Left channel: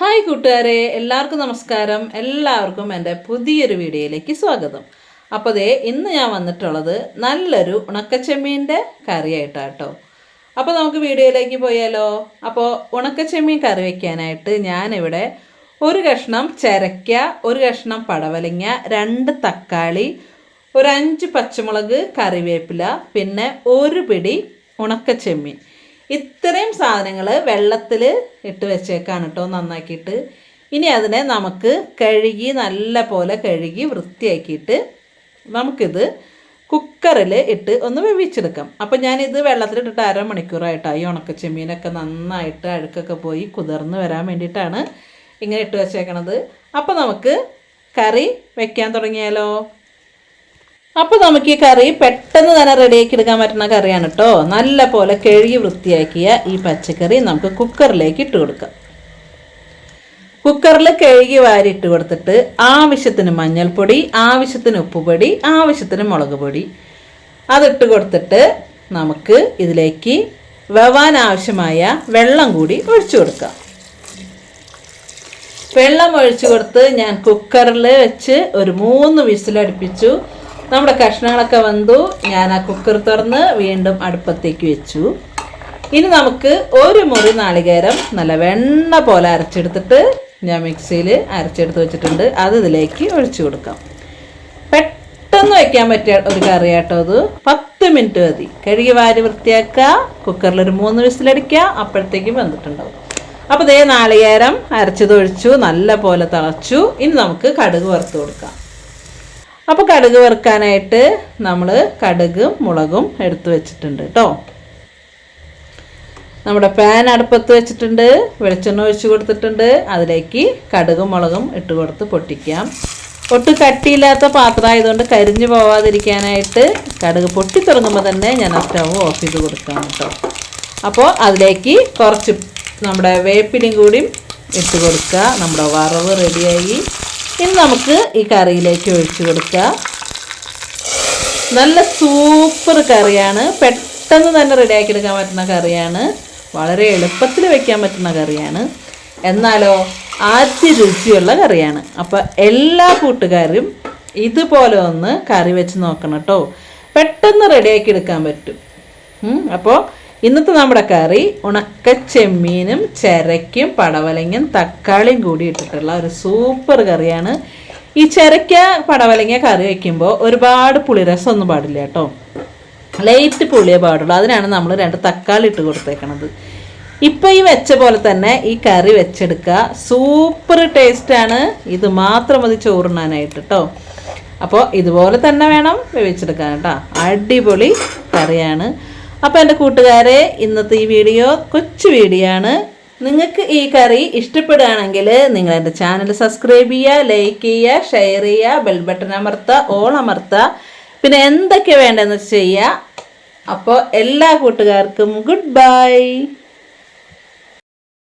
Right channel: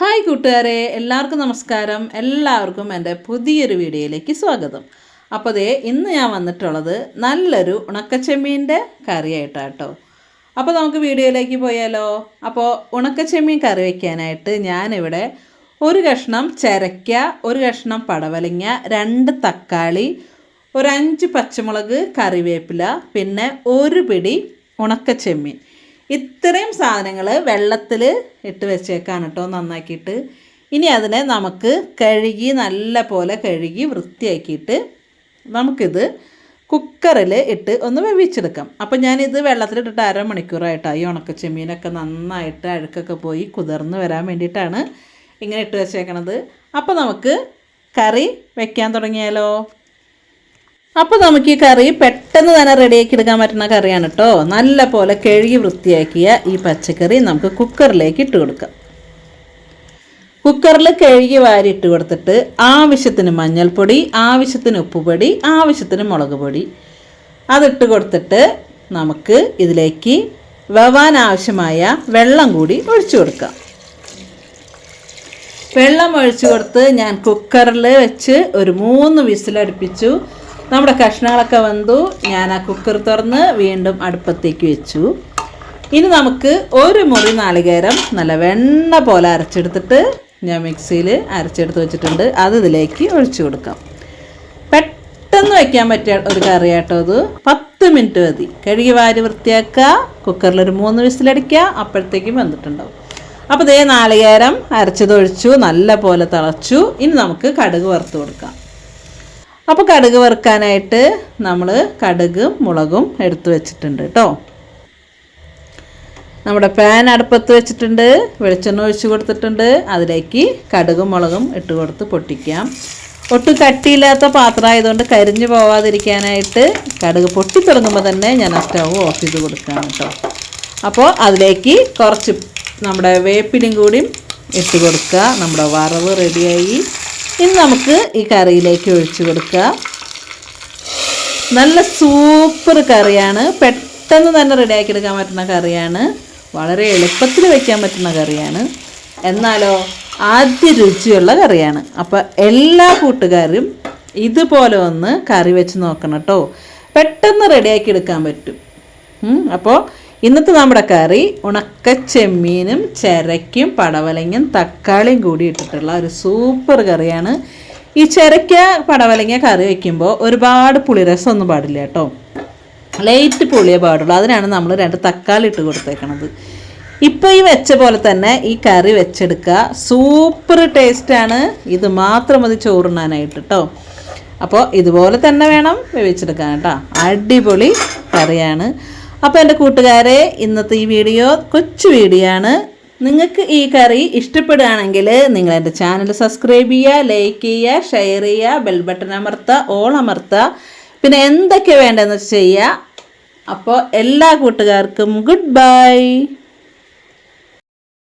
Hi കൂട്ടുകാരെ എല്ലാവർക്കും നമസ്കാരം. എല്ലാവർക്കും എന്റെ പുതിയൊരു വീഡിയോയിലേക്ക് സ്വാഗതം. അപ്പോൾ അതേ ഇന്ന് ഞാൻ വന്നിട്ടുള്ളത് നല്ലൊരു ഉണക്കച്ചെമ്മീന്റെ കറിയായിട്ടാണ് കേട്ടോ അപ്പോൾ നമുക്ക് വീഡിയോയിലേക്ക് പോയാലോ? അപ്പോൾ ഉണക്കച്ചെമ്മീൻ കറി വയ്ക്കാനായിട്ട് ഞാനിവിടെ ഒരു കഷ്ണം ചിരക്ക ഒരു കഷ്ണം പടവലങ്ങ രണ്ട് തക്കാളി ഒരു അഞ്ച് പച്ചമുളക് കറിവേപ്പില പിന്നെ ഒരു പിടി ഉണക്കച്ചെമ്മീൻ. ഇത്രയും സാധനങ്ങൾ വെള്ളത്തിൽ ഇട്ട് വെച്ചേക്കാണ് കേട്ടോ നന്നാക്കിയിട്ട്. ഇനി അതിനെ നമുക്ക് കഴുകി നല്ല പോലെ കഴുകി വൃത്തിയാക്കിയിട്ട് നമുക്കിത് കുക്കറിൽ ഇട്ട് ഒന്ന് വേവിച്ചെടുക്കാം. അപ്പം ഞാനിത് വെള്ളത്തിലിട്ടിട്ട് അരമണിക്കൂറായിട്ടാണ് ഈ ഉണക്ക ചെമ്മീനൊക്കെ നന്നായിട്ട് അഴുക്കൊക്കെ പോയി കുതിർന്ന് വരാൻ വേണ്ടിയിട്ടാണ് ഇങ്ങനെ ഇട്ട് വെച്ചേക്കണത്. അപ്പോൾ നമുക്ക് കറി വെക്കാൻ തുടങ്ങിയാലോ? അപ്പോൾ നമുക്ക് ഈ കറി പെട്ടെന്ന് തന്നെ റെഡിയാക്കി എടുക്കാൻ പറ്റുന്ന കറിയാണ് കേട്ടോ നല്ല പോലെ കഴുകി വൃത്തിയാക്കിയ ഈ പച്ചക്കറി നമുക്ക് കുക്കറിലേക്ക് ഇട്ട് കൊടുക്കാം. കുക്കറിൽ കഴുകി വാരി ഇട്ട് കൊടുത്തിട്ട് ആവശ്യത്തിന് മഞ്ഞൾപ്പൊടി ആവശ്യത്തിന് ഉപ്പുപൊടി ആവശ്യത്തിന് മുളക് പൊടി. അതിട്ട് കൊടുത്തിട്ട് നമുക്ക് ഇതിലേക്ക് വവാൻ ആവശ്യമായ വെള്ളം കൂടി ഒഴിച്ചു കൊടുക്കാം. വെള്ളം ഒഴിച്ചു കൊടുത്ത് ഞാൻ കുക്കറിൽ വെച്ച് ഒരു മൂന്ന് വിസിലടുപ്പിച്ചു. നമ്മുടെ കഷ്ണങ്ങളൊക്കെ വന്നു. ഞാൻ ആ കുക്കർ തുറന്ന് വീണ്ടും അടുപ്പത്തേക്ക് വെച്ചു. ഇനി നമുക്ക് ഒരു മുറി നാളികേരം നല്ല വെണ്ണ പോലെ അരച്ചെടുത്തിട്ട് ഞാൻ മിക്സിയിൽ അരച്ചെടുത്ത് വെച്ചിട്ടുണ്ട്. അത് ഇതിലേക്ക് ഒഴിച്ചു കൊടുക്കാം. പെട്ടെന്ന് വയ്ക്കാൻ പറ്റിയ ഒരു കറി കേട്ടോ അത് പത്ത് മിനിറ്റ് മതി. കഴുകി വാരി വൃത്തിയാക്കുക. കുക്കറിൽ ഒരു മൂന്ന് വിസിലടിക്കുക. അപ്പോഴത്തേക്കും വെന്തിട്ടുണ്ടാവും. അപ്പോൾ ഇതേ നാളികേരം അരച്ചതൊഴിച്ചു നല്ല പോലെ തിളച്ചു. ഇനി നമുക്ക് കടുക് വറുത്ത് കൊടുക്കാം. അപ്പോൾ കടുക് വറുക്കാനായിട്ട് നമ്മൾ കടുകും മുളകും എടുത്തു വെച്ചിട്ടുണ്ട് കേട്ടോ നമ്മുടെ പാൻ അടുപ്പത്ത് വെച്ചിട്ടുണ്ട് വെളിച്ചെണ്ണ ഒഴിച്ചു കൊടുത്തിട്ടുണ്ട്. അതിലേക്ക് കടുകും മുളകും ഇട്ട് കൊടുത്ത് പൊട്ടിക്കാം. ഒട്ടും കട്ടിയില്ലാത്ത പാത്രമായതുകൊണ്ട് കരിഞ്ഞു പോവാതിരിക്കാനായിട്ട് കടുക് പൊട്ടി തുടങ്ങുമ്പോൾ തന്നെ ഞാൻ സ്റ്റവ് ഓഫ് ചെയ്ത് കൊടുക്കാം കേട്ടോ അപ്പോൾ അതിലേക്ക് കുറച്ച് നമ്മുടെ വേപ്പിലും കൂടിയും ഇട്ട് കൊടുക്കുക. നമ്മുടെ വറവ് റെഡിയായി ഇനി നമുക്ക് ഈ കറിയിലേക്ക് ഒഴിച്ചു കൊടുക്കുക. നല്ല സൂപ്പർ കറിയാണ്. പെട്ടെന്ന് തന്നെ റെഡിയാക്കി എടുക്കാൻ പറ്റുന്ന കറിയാണ്. വളരെ എളുപ്പത്തിൽ വയ്ക്കാൻ പറ്റുന്ന കറിയാണ്. എന്നാലോ ആദ്യ രുചിയുള്ള കറിയാണ്. അപ്പോൾ എല്ലാ കൂട്ടുകാരും ഇതുപോലെ ഒന്ന് കറി വെച്ച് നോക്കണം കേട്ടോ. പെട്ടെന്ന് റെഡിയാക്കി എടുക്കാൻ പറ്റും. അപ്പോൾ ഇന്നത്തെ നമ്മുടെ കറി ഉണക്ക ചെമ്മീനും ചിരയ്ക്കും പടവലങ്ങയും തക്കാളിയും കൂടി ഇട്ടിട്ടുള്ള ഒരു സൂപ്പർ കറിയാണ്. ഈ ചിരയ്ക്ക പടവലങ്ങ കറി വയ്ക്കുമ്പോൾ ഒരുപാട് പുളിരസം ഒന്നും പാടില്ല കേട്ടോ. ലൈറ്റ് പുളിയേ പാടുള്ളൂ. അതിനാണ് നമ്മൾ രണ്ട് തക്കാളി ഇട്ട് കൊടുത്തേക്കണത്. ഇപ്പോൾ ഈ വെച്ച പോലെ തന്നെ ഈ കറി വെച്ചെടുക്കുക സൂപ്പർ ടേസ്റ്റാണ് ഇത് മാത്രം മതി ചോറുണ്ണാനായിട്ട് കേട്ടോ അപ്പോൾ ഇതുപോലെ തന്നെ വേണം വേവിച്ചെടുക്കാൻ കേട്ടോ അടിപൊളി കറിയാണ്. അപ്പോൾ എന്റെ കൂട്ടുകാരെ ഇന്നത്തെ ഈ വീഡിയോ കൊച്ചു വീഡിയോ ആണ്. നിങ്ങൾക്ക് ഈ കറി ഇഷ്ടപ്പെടുകയാണെങ്കിൽ നിങ്ങൾ എന്റെ ചാനൽ സബ്സ്ക്രൈബ് ചെയ്യുക ലൈക്ക് ചെയ്യുക ഷെയർ ചെയ്യുക ബെൽ ബട്ടൺ അമർത്തുക ഓൾ അമർത്തുക. പിന്നെ എന്തൊക്കെ വേണ്ടതെന്ന് ചെയ്യുക അപ്പോൾ എല്ലാ കൂട്ടുകാർക്കും ഗുഡ് ബൈ